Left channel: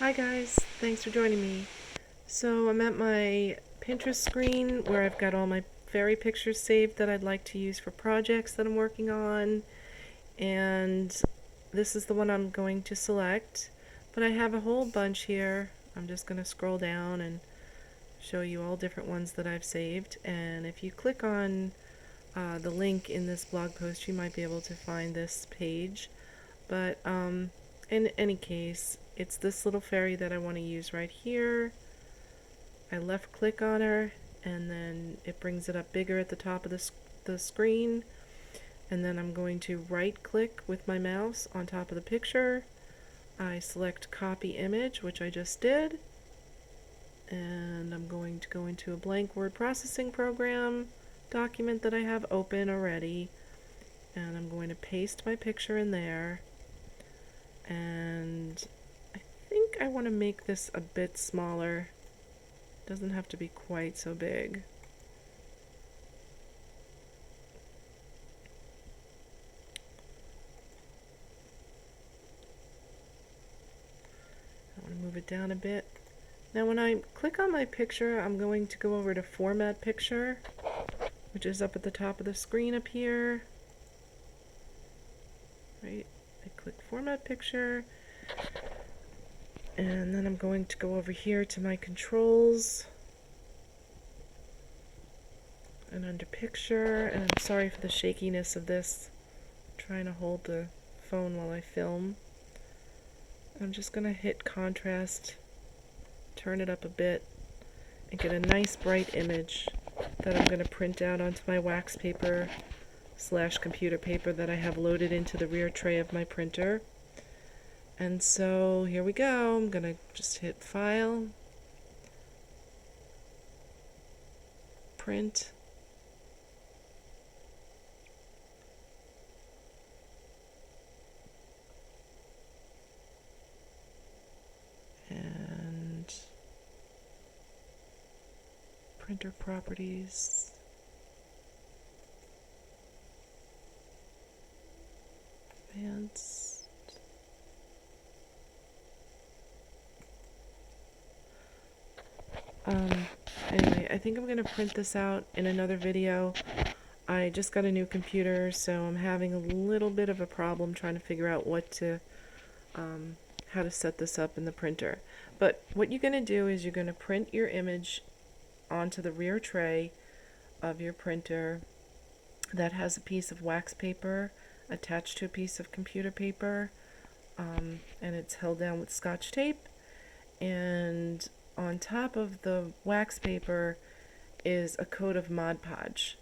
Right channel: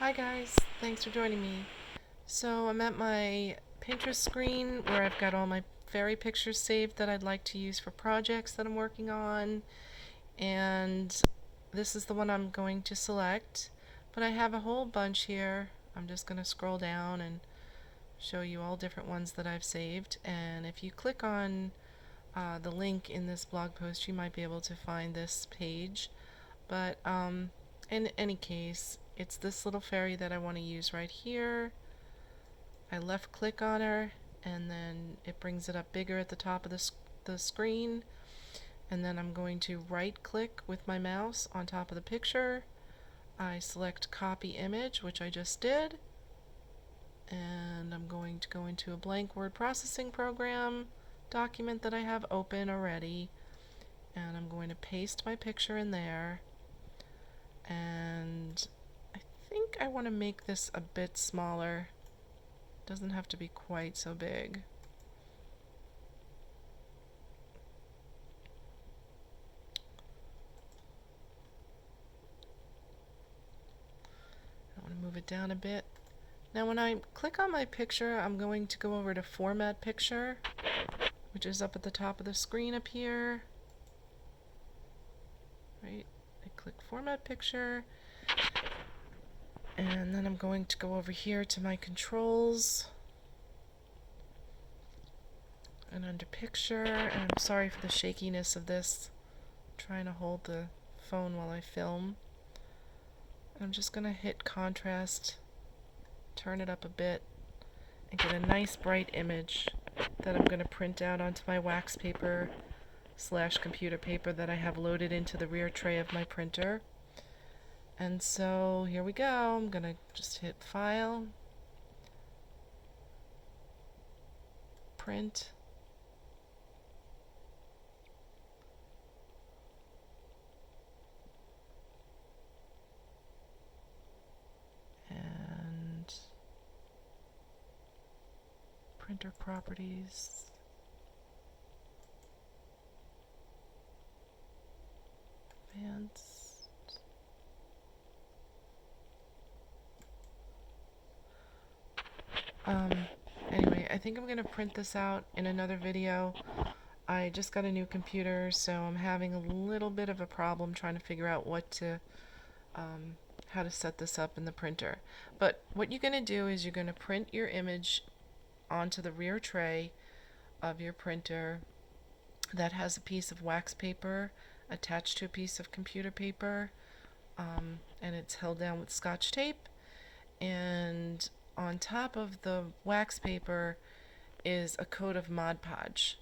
Hi guys, thanks for joining me. So I'm at my Pinterest screen where I've got all my fairy pictures saved that I'd like to use for projects that I'm working on, and this is the one I'm going to select, but I have a whole bunch here. I'm just going to scroll down and show you all different ones that I've saved, and if you click on the link in this blog post you might be able to find this page, but in any case, it's this little fairy that I want to use right here. I left click on her and then it brings it up bigger at the top of the screen, and then I'm going to right click with my mouse on top of the picture. I select copy image, which I just did, and I'm going to go into a blank word processing program document that I have open already, and I'm going to paste my picture in there, and I think I want to make this a bit smaller. Doesn't have to be quite so big. I want to move it down a bit. Now when I click on my picture, I'm going to go over to Format Picture, which is up at the top of the screen up here. Right, I click Format Picture, and then I'm going to go over here to my controls, and under Picture, and I'm sorry for the shakiness of this. I'm trying to hold the phone while I film. I'm just going to hit Contrast, turn it up a bit, and get a nice bright image that I'm going to print out onto my wax paper / computer paper that I have loaded into the rear tray of my printer. And so here we go. I'm going to just hit File, Print, and printer properties, advanced. Anyway, I think I'm going to print this out in another video. I just got a new computer, so I'm having a little bit of a problem trying to figure out how to set this up in the printer. But what you're going to do is you're going to print your image onto the rear tray of your printer that has a piece of wax paper attached to a piece of computer paper, and it's held down with Scotch tape, and on top of the wax paper is a coat of Mod Podge.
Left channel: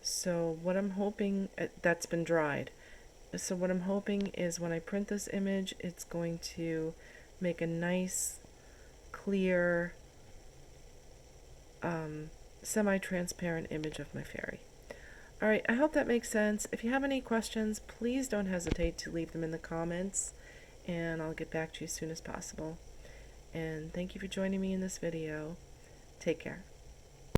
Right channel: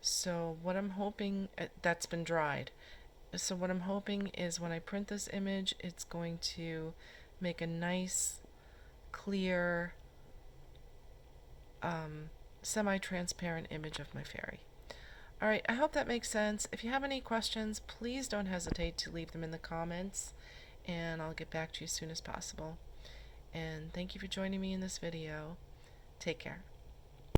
So what I'm hoping, that's been dried. So what I'm hoping is when I print this image, it's going to make a nice, clear, semi-transparent image of my fairy. Alright, I hope that makes sense. If you have any questions, please don't hesitate to leave them in the comments, and I'll get back to you as soon as possible. And thank you for joining me in this video. Take care.